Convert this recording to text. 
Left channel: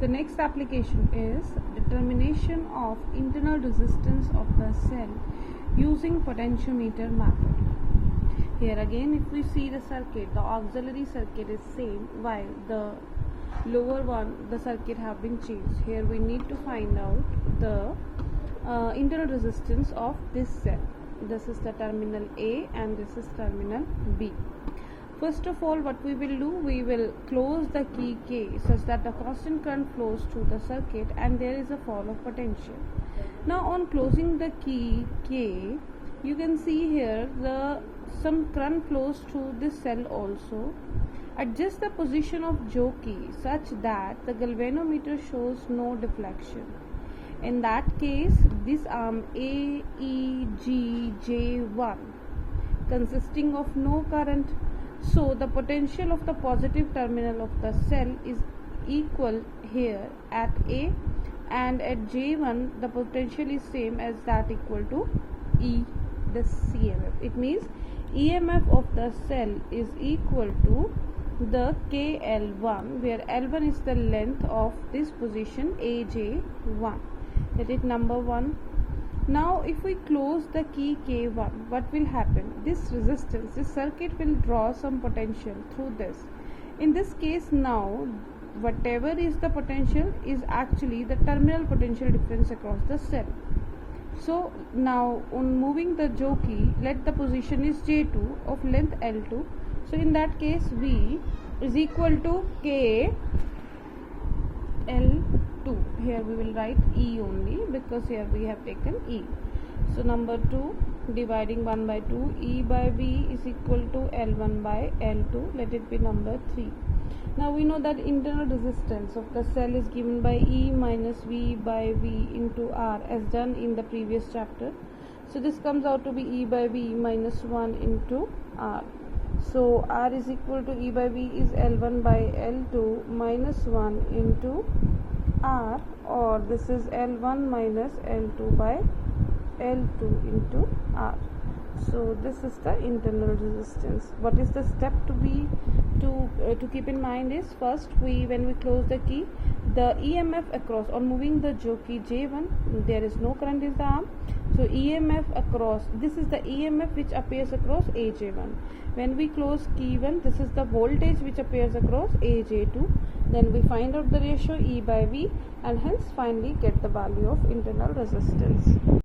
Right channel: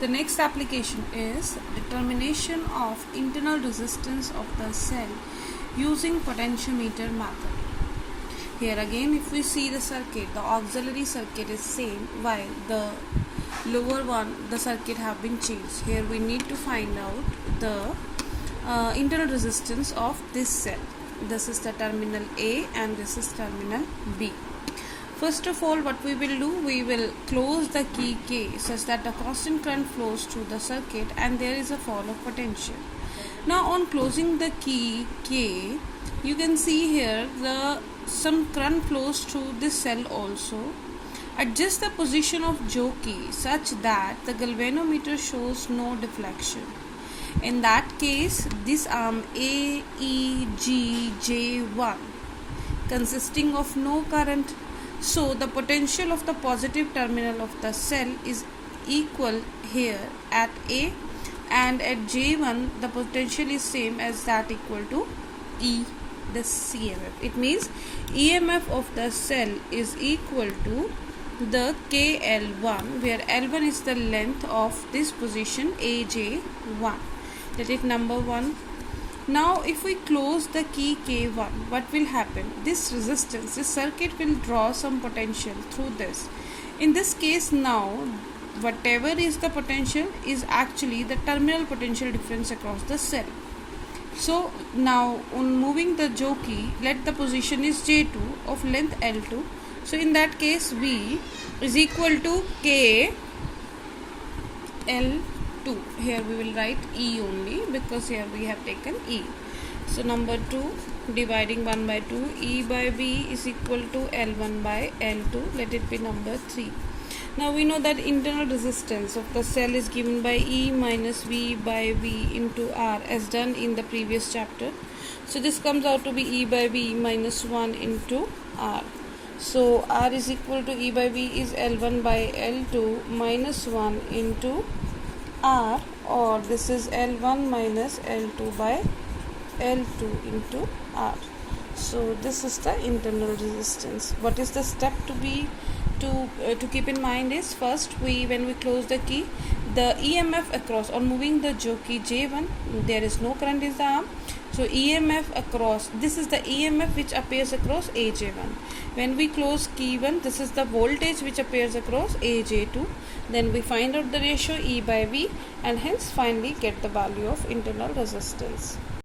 The next application is determination of internal resistance of the cell using potentiometer method. Here again, if we see the circuit, the auxiliary circuit is same while the lower one, the circuit have been changed. Here we need to find out the internal resistance of this cell. This is the terminal A and this is terminal B. First of all, what we will do, we will close the key K such that the constant current flows through the circuit and there is a fall of potential. Now on closing the key K, you can see here some current flows through this cell also. Adjust the position of jockey such that the galvanometer shows no deflection. In that case, this arm AEGJ1 consisting of no current. So the potential of the positive terminal of the cell is equal here at A, and at J1 the potential is same as that equal to E, the CMF. It means EMF of the cell is equal to the KL1, where L1 is the length of this position AJ1. That is number 1. Now if we close the key K1, what will happen? This resistance, this circuit will draw some potential through this. In this case now, whatever is the potential is actually the terminal potential difference across the cell. So now on moving the jockey, let the position is J2 of length L2. So in that case V is equal to K L2. Here we will write E only because here we have taken E. So number 2, dividing 1 by 2, E by V is equal to L1 by L2. Let it be number 3. Now we know that internal resistance of the cell is given by E minus V by V into R as done in the previous chapter. So this comes out to be E by V minus 1 into R. So R is equal to E by V is L1 by L2 minus 1 into R, or this is L1 minus L2 by L2 into R. So this is the internal resistance. What is the step to keep in mind is, first when we close the key, the EMF across on moving the jockey J1, there is no current in the arm. So EMF across, this is the EMF which appears across AJ1. When we close key 1, this is the voltage which appears across AJ2. Then we find out the ratio E by V and hence finally get the value of internal resistance.